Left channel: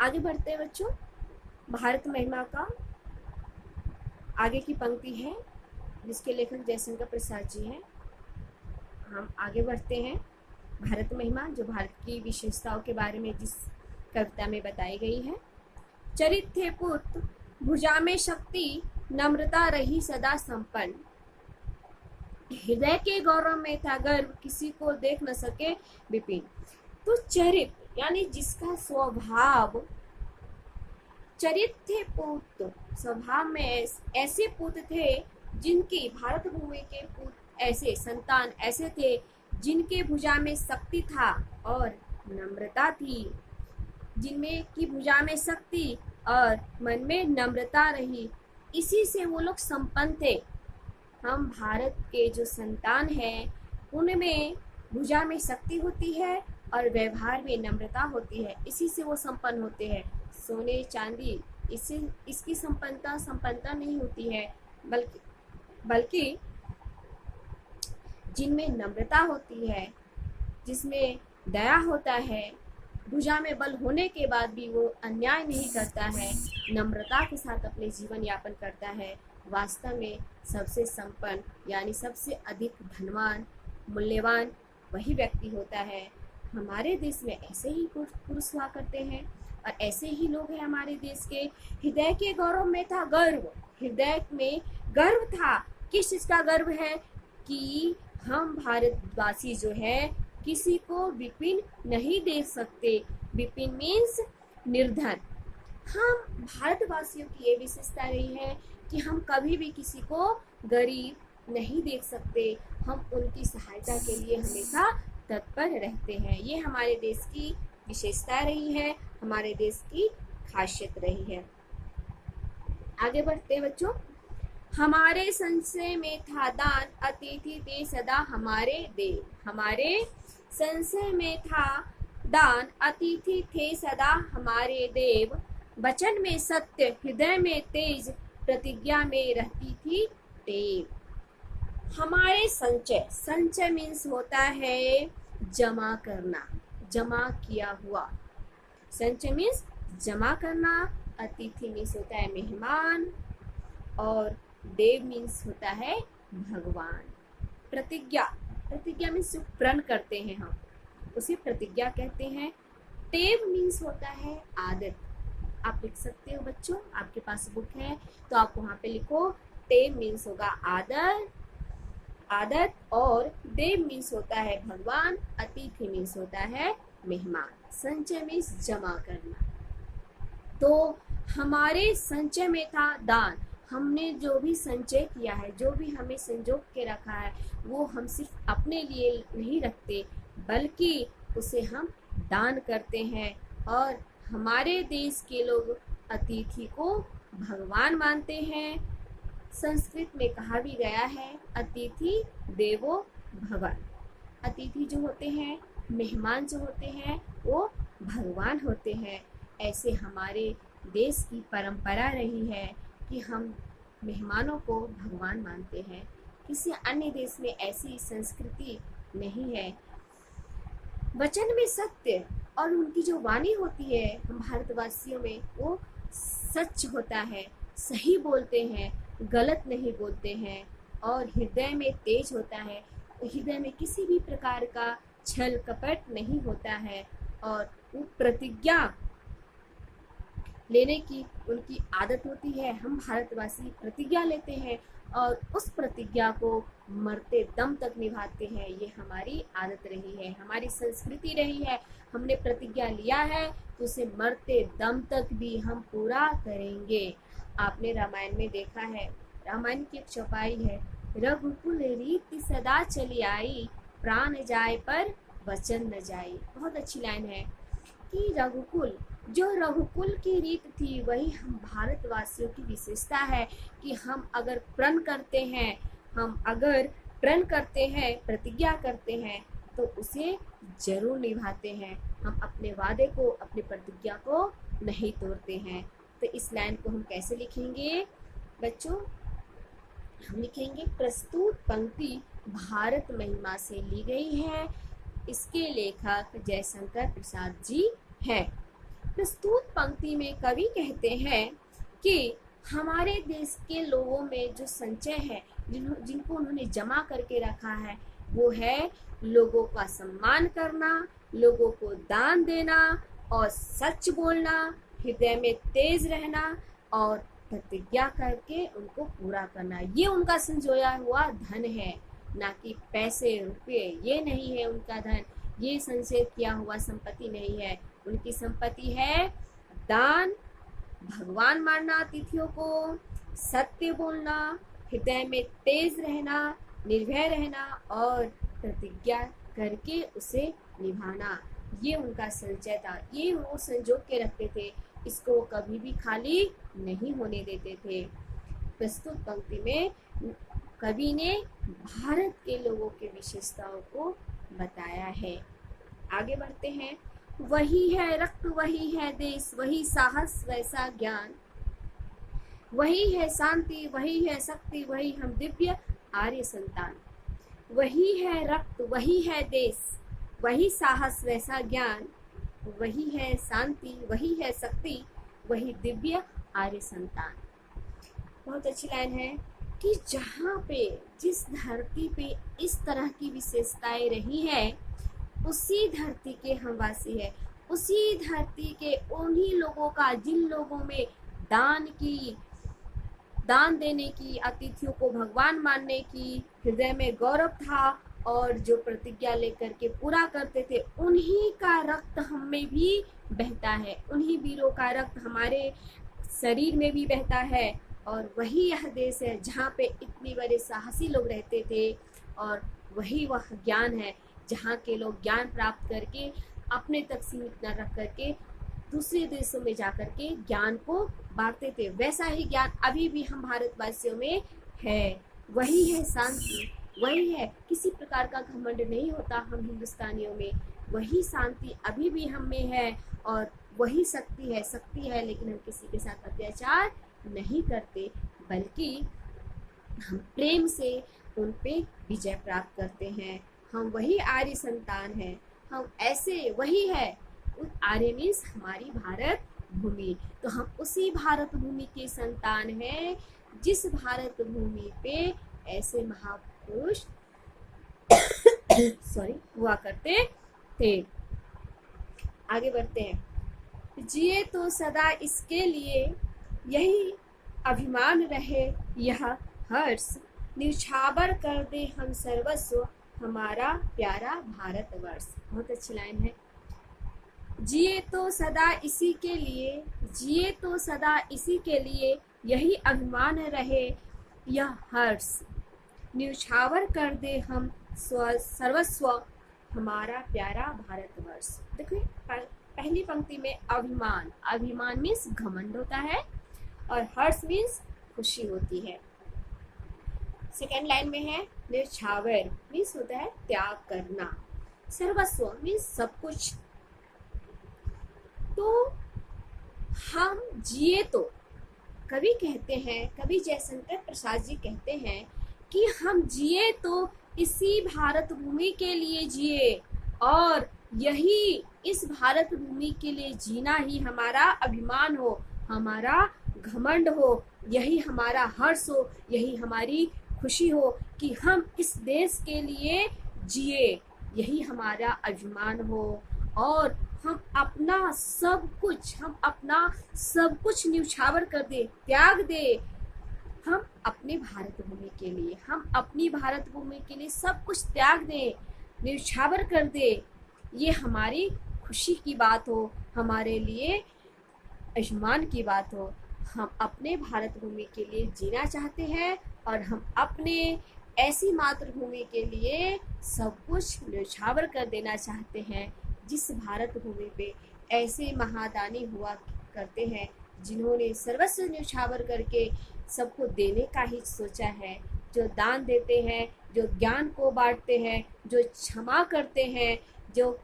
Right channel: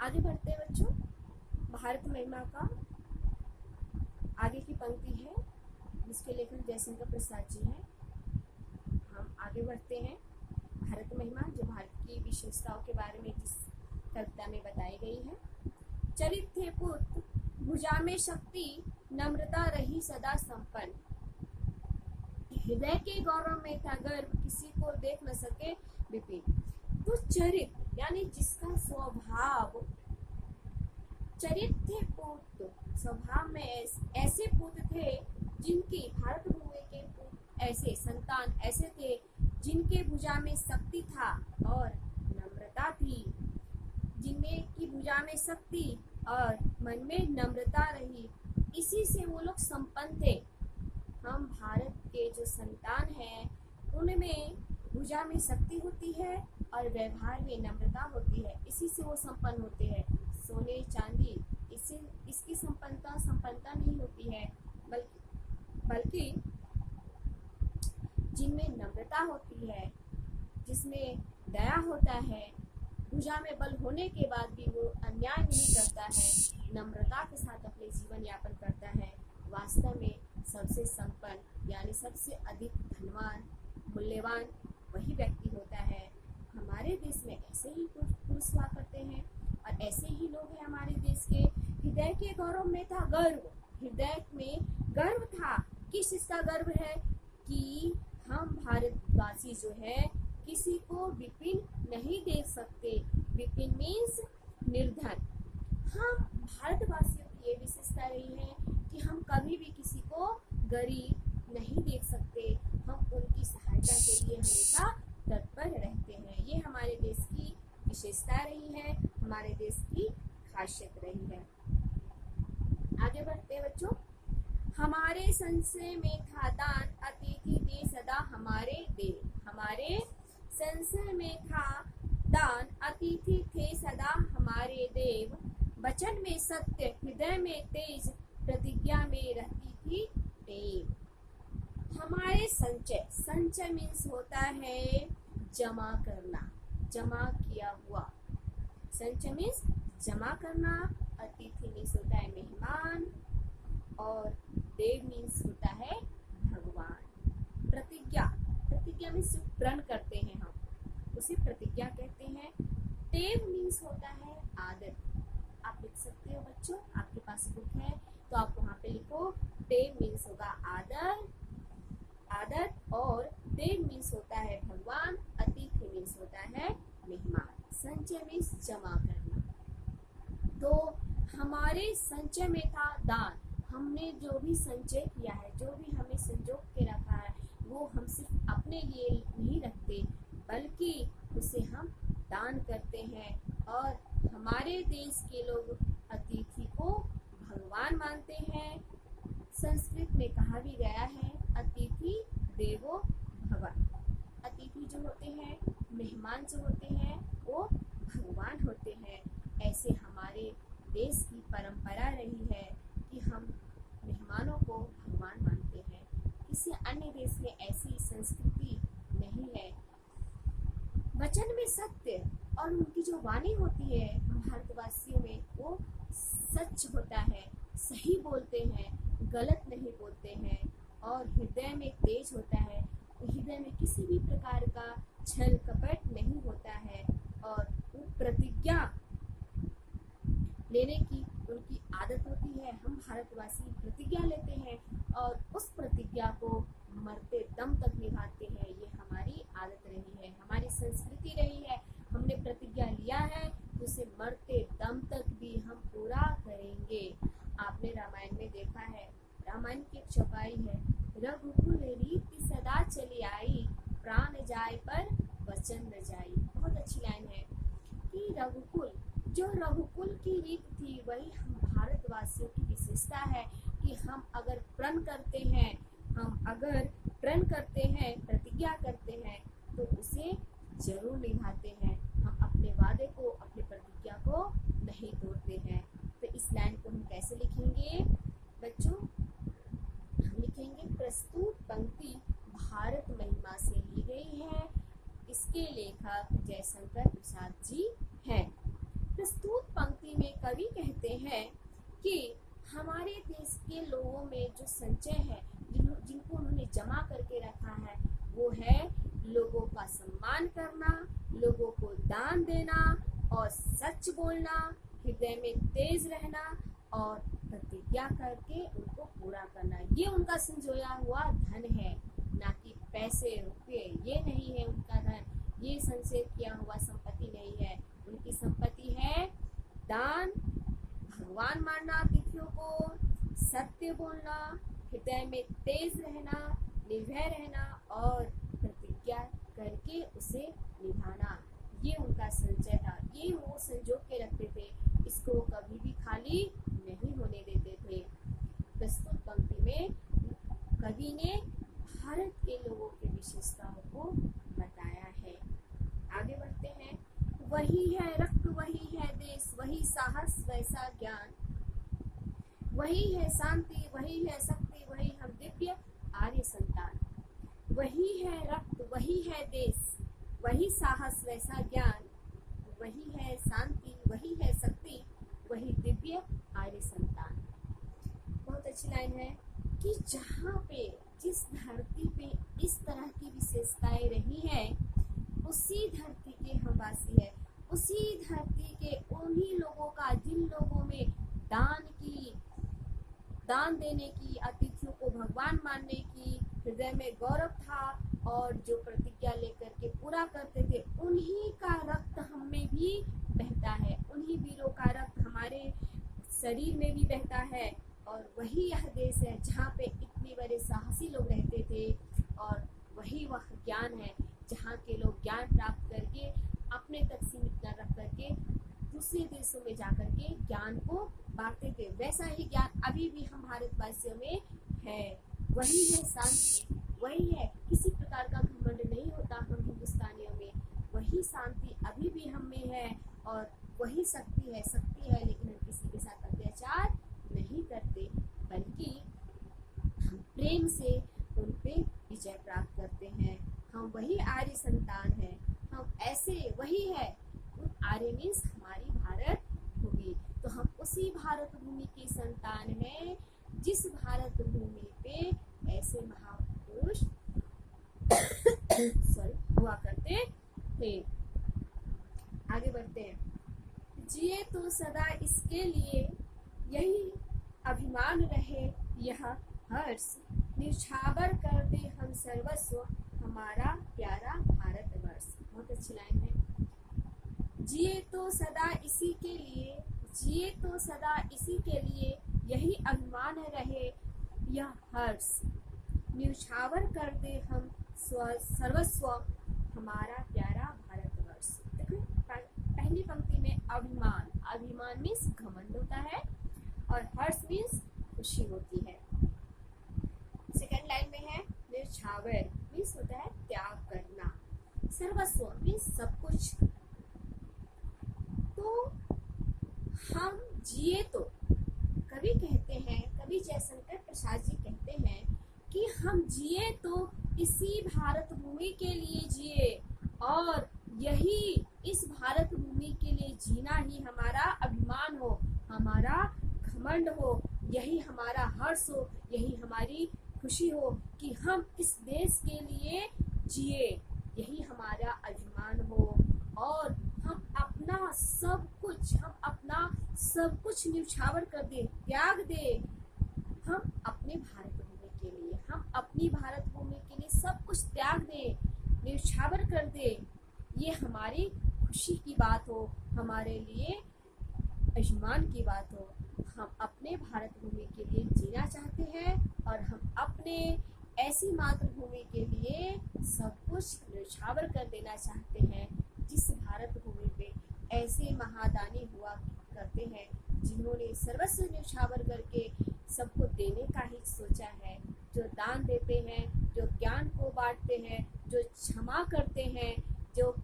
आगे बढ़ते हैं बच्चों। भारत महिमा का आगे की पंक्ति है जिसके लेखक जयशंकर प्रसाद जी हैं। हम आगे बढ़ते हैं। भारत महिमा जो भारत की विशेषताओं के बारे में जिस कविता में बताई गई है। चरित थे पुत्र भुजा में शक्ति, नम्रता रही सदा संपन्न, हृदय के गौरव में था गर्व, किसी को देख न सके विपिन। तो चरित यानी जिसका स्वभाव, चरित थे पुत्र, स्वभाव में ऐसे पुत्र थे जिनकी, भारत भूमि के पुत्र ऐसे संतान ऐसे थे जिनके भुजा में शक्ति था और नम्रता थी, जिनमें की भुजा में शक्ति और मन में नम्रता रही, इसी से वो लोग संपन्न थे। हम भारत के जो संतान हैं उनमें भुजा में शक्ति होती है और व्यवहार में नम्रता होती है, इसी से वो संपन्न होते हैं। सोने चांदी इससे इसकी संपन्नता नहीं होती है, बल्कि जिनमें नम्रता होती है, जिसमें दया होता है, भुजा में बल होने के बाद भी वो अन्याय नहीं करता है, नम्रता के साथ अपने जीवन यापन करता है, वास्तव में सबसे संपन्न यानी सबसे अधिक धनवान मूल्यवान वही व्यक्ति होता है। हमारे देश में ऐसे ही पुरुष हुआ करते हैं और ऐसे ही लोग हैं हमारे देश के। हृदय के गौरव में था गर्व, हृदय में गर्व था। किस चीज का गर्व है? कि हम भारतवासी जो है किसी को विपिन नहीं देख सकते। विपिन मीन्स निर्धन। हम भारतवासियों की ये विशेषता रही है कि हम कभी भी किसी को गरीब नहीं देख सकते, हम उनकी सहायता के लिए हमेशा तत्पर रहते हैं। ये हमारे देश की विशेषता रही है, हमारे देश की खासियत रही है। आगे बढ़ते हैं बच्चों। हमारे संशय में था दान, अतिथि दे सदा हमारे देव। हमारे संशय में था दान, अतिथि थे सदा हमारे देव, वचन में सत्य, हृदय में तेज, प्रतिज्ञा में रहती थी टेव। हमारे संचय, संचय मीन्स होता है जमा करना, जमा किया हुआ। संचय मीन्स जमा करना, अतिथि मीन्स होता है मेहमान और देव मीन्स होता है भगवान। प्रतिज्ञा, प्रतिज्ञा मीन्स जो प्रण करते हैं हम उसे प्रतिज्ञा कहते हैं। टेव मीन्स होता है आदत। आप लिख सकते हो बच्चों, आपके पास बुक है तो आप वहाँ पे लिखो। टेव मीन्स होगा आदत, आदत, और देव मीन्स होता है भगवान, अतिथि मीन्स होता है मेहमान, संचय मीन्स जमा करना। तो हमारे संचय में था दान, हमने जो भी संचय किया है, जो भी हमें संजो के रखा है, वो हम सिर्फ अपने लिए नहीं रखते बल्कि उसे हम दान करते हैं। और हमारे देश के लोग अतिथि को भगवान मानते हैं। संस्कृत में कहा भी गया है अतिथि देवो भव। अतिथि जो होते हैं, मेहमान जो होते हैं, वो भगवान होते हैं। ऐसे हमारे देश की परंपरा रही है कि हम मेहमानों को भगवान मानते हैं। किसी अन्य देश में ऐसी संस्कृति नहीं है। वचन में सत्य, और उनकी जो वाणी होती है हम भारतवासियों में, वो सच होता है, सही बोलते हैं, गलत नहीं बोलते हैं। और हृदय में तेज होता है, हृदय में किसी भी प्रकार का छल कपट नहीं होता है। और वो प्रतिज्ञा लेने की उनकी आदत होती है। हम भारतवासी प्रतिज्ञा लेते हैं और उस प्रतिज्ञा को मरते दम तक निभाते हैं। ये हमारी आदत रही है, हमारी संस्कृति रही है। हमने प्रतिज्ञा लिया है तो उसे मरते दम तक भी हम पूरा करेंगे। आपने रामायण में देखा है, रामायण की एक चौपाई है, रघुकुल रीति सदा चली आई, प्राण जाए पर वचन न जाई। बहुत अच्छी लाइन है कि रघुकुल, जो रघुकुल की रीत थी वही हम भारतवासियों की विशेषता है कि हम अगर प्रण करते हैं, हम अगर प्रण करते हैं, प्रतिज्ञा करते हैं तो उसे जरूर निभाते हैं। हम अपने वादे को, अपनी प्रतिज्ञा को नहीं तोड़ते हैं। तो इस लाइन को हम कैसे लिखेंगे बच्चों? हम लिखेंगे प्रस्तुत पंक्ति भारत महिमा से ली गई है, इसके लेखक जयशंकर प्रसाद जी हैं। प्रस्तुत पंक्ति में कवि कहते हैं कि हमारे देश के लोगों में जो संचय है, जिनको उन्होंने जमा करके रखा है, वो है लोगों का सम्मान करना, लोगों को दान देना और सच बोलना, हृदय में तेज रहना और प्रतिज्ञा करके उनको पूरा करना। ये उनका संजोया हुआ धन है, ना कि पैसे रुपये। ये नहीं है उनका धन, ये संचय किया हुआ संपत्ति नहीं है। उनकी संपत्ति है दान, भगवान मानना अतिथियों को, सत्य बोलना, हृदय में तेज रहना, निर्भय रहना और प्रतिज्ञा करके उसे निभाना। ये उनका संचय था, ये वो संजो के रखते थे, इसको वो कभी भी खाली नहीं होने देते थे। प्रस्तुत पंक्ति में कवि ने भारत के लोगों की विशेषताओं को बताया है। आगे बढ़ते हैं। वही है रक्त, वही है देश, वही साहस वैसा ज्ञान, वही है शांति, वही है शक्ति, वही हम दिव्य आर्य संतान। वही है रक्त, वही है देश, वही साहस वैसा ज्ञान, वही है शांति, वही है शक्ति, वही दिव्य आर्य संतान। बहुत अच्छी लाइन है कि जहाँ पे, जिस धरती पे इस तरह की विशेषताएं रही हैं, उसी धरती के हम वासी है, उसी धरती के उन्हीं लोगों का, जिन लोगों में दान देने की, अतिथियों को भगवान मानने की हृदय में गौरव था और जो प्रतिज्ञा लेकर के पूरा करते थे, उन्हीं का रक्त हम में भी बहता है, उन्हीं वीरों का रक्त हमारे शरीर में भी बहता है। और वही यह देश है जहाँ पे इतने बड़े साहसी लोग रहते थे, और वही वह ज्ञान है जहाँ के लोग ज्ञान प्राप्त करके अपने तक सीमित न रख करके दूसरे देशों में जाकर के ज्ञान को बांटते थे। वैसा ही ज्ञान अभी भी हम भारतवासियों में है। वही है शांति, वही है, किसी प्रकार का घमंड नहीं होता हम हिंदुस्तानियों में। वही शांति अभी भी हम में है और वही शक्ति है, लेकिन हम किसी के साथ अत्याचार नहीं करते, बल्कि हम प्रेम से उन पे विजय प्राप्त करते हैं। हम वही आर्य संतान हैं, हम ऐसे वही है। आर्य मीन्स हमारी भारत भूमि, तो हम उसी भारत भूमि के संतान हैं जिस भारत भूमि पे ऐसे महापुरुष हुआ करते थे। आगे बढ़ते हैं। जिए तो सदा इसके लिए, यही अभिमान रहे यह हर्ष, निछावर कर दे हम सर्वस्व हमारा प्यारा भारतवर्ष। बहुत अच्छी लाइन है। जिए तो सदा इसी के लिए, जिए तो सदा इसी के लिए, यही अभिमान रहे यह हर्ष, न्यौछावर कर दे हम सर्वस्व हमारा प्यारा भारतवर्ष। देखिए पहली पंक्ति में अभिमान, अभिमान मीन्स घमंड होता है और हर्ष मीन्स खुशी होती है। सेकेंड लाइन में है न्यौछावर मीन्स होता है त्याग करना, सर्वस्व मीन्स सब कुछ। तो हम जिए तो, कवि कहते हैं, कवि जयशंकर प्रसाद जी कहते हैं कि हम जिए तो इसी भारत भूमि के लिए जिए, और यही इस भारत भूमि के लिए जीना ही हमारा अभिमान हो, हमारा घमंड हो, यही हमारा हर्ष हो, यही हमारी खुशी हो कि हम इस देश के लिए जिए, यही हमारा अभिमान हो। और हम अपना सब कुछ न्यौछावर कर दे, त्याग दे, हम अपने भारत भूमि के लिए, हम अपनी भारत भूमि के लिए सब कुछ त्याग दे, न्यौछावर कर दे। ये हमारी खुशी की बात हो, हमारे लिए अभिमान की बात हो। हम अपने भारत भूमि के लिए जीना चाहते हैं और हम अपने ऐसी मातृभूमि के लिए सब कुछ न्यौछावर कर देना चाहते हैं जिस भारत भूमि पे ऐसे महादानी हुआ करते हैं जिन्होंने सर्वस्व न्यौछावर करके सबको देने का ही सोचा है, जो दान देते हैं, जो ज्ञान को बांटते हैं, जो क्षमा करते हैं, जो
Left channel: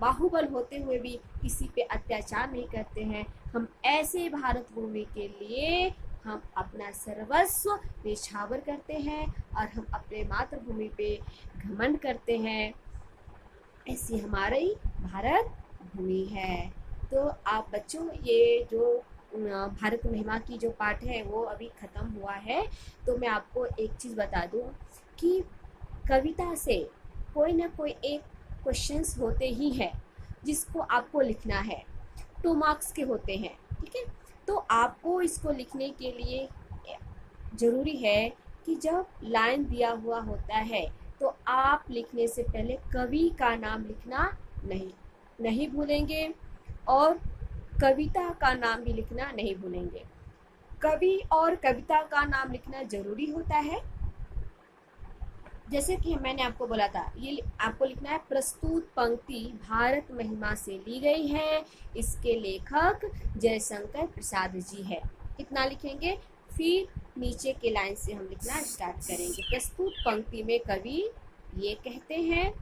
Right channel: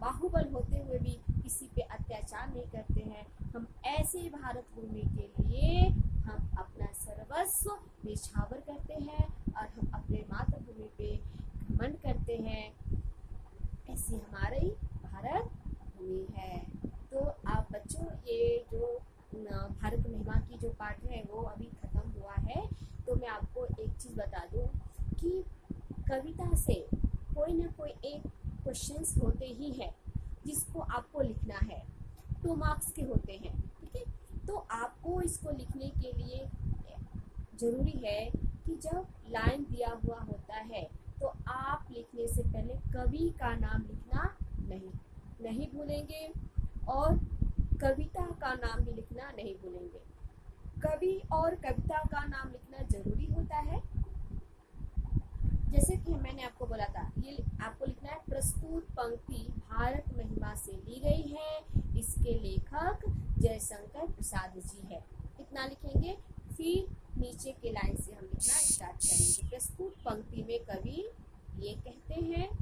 बाहुबल होते हुए भी किसी पे अत्याचार नहीं करते हैं। हम ऐसे भारत भूमि के लिए हम अपना सर्वस्व न्यौछावर करते हैं और हम अपने मातृभूमि पे घमंड करते हैं। ऐसी हमारी भारत भूमि है। तो तो आप बच्चों ये जो भारत महिमा की जो पाठ है वो अभी ख़त्म हुआ है। तो मैं आपको एक चीज़ बता दूं कि कविता से कोई ना कोई एक क्वेश्चंस होते ही हैं जिसको आपको लिखना है। 2 मार्क्स के होते हैं, ठीक है। तो आपको इसको लिखने के लिए ज़रूरी है कि जब लाइन दिया हुआ होता है तो आप लिखने से पहले कवि का नाम लिखना नहीं भूलेंगे और कविता का नाम भी लिखना नहीं भूलेंगे। कवि और कविता का नाम लिखना ज़रूरी होता है। जैसे कि मैंने आपको बोला था, ये आपको लिखना है प्रस्तुत पंक्ति भारत महिमा से ली गई है, इसके लेखक जयशंकर प्रसाद जी है। इतना लिखेंगे, फिर नीचे के लाइन से हम लिखना स्टार्ट करेंगे। प्रस्तुत पंक्ति में कवि ये कहते हैं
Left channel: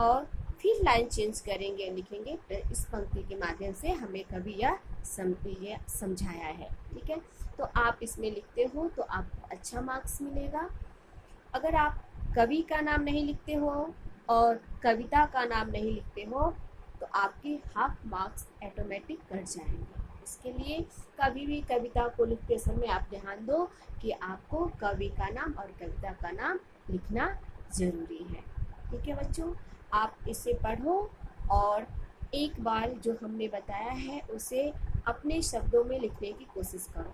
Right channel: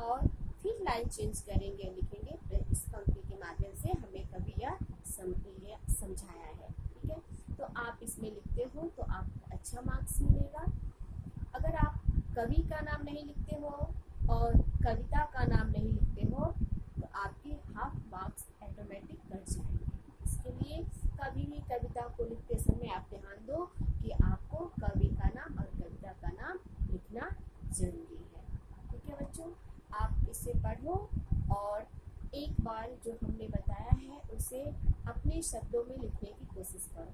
और फिर लाइन चेंज करेंगे, लिखेंगे इस पंक्ति के माध्यम से हमें कवि यह समझाया है, ठीक है। तो आप इसमें लिखते हो तो आपको अच्छा मार्क्स मिलेगा। अगर आप कवि का नाम नहीं लिखते हो और कविता का नाम नहीं लिखते हो तो आपके हाफ मार्क्स ऑटोमेटिक कट जाएंगे। इसके लिए कभी भी कविता को लिखते समय आप ध्यान दो कि आपको कवि का नाम और कविता का नाम लिखना ज़रूरी है, ठीक है बच्चों। आप इसे पढ़ो और एक बार जो हमने बताया है उसे अपने शब्दों में लिखने की कोशिश करो।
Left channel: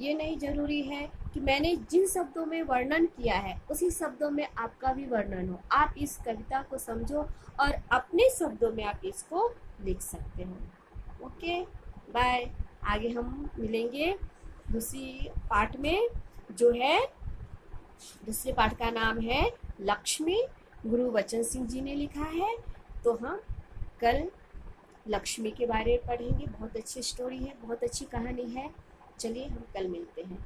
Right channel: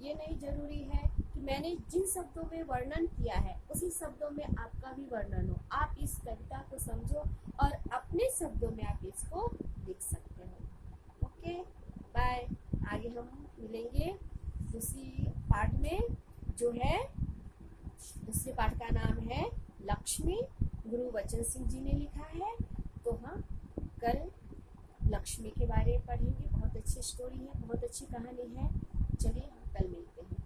ये नहीं ज़रूरी है कि मैंने जिन शब्दों में वर्णन किया है उसी शब्दों में आपका भी वर्णन हो। आप इस कविता को समझो और अपने शब्दों में आप इसको लिख सकते हो। Okay, bye. आगे हम मिलेंगे दूसरी पाठ में, जो है दूसरे पाठ का नाम है लक्ष्मी, गुरुवचन सिंह जी ने लिखा है। तो हम कल लक्ष्मी के बारे में पढ़ेंगे। बहुत अच्छी स्टोरी है, बहुत अच्छी कहानी है। चलिए हम कल मिलते हैं।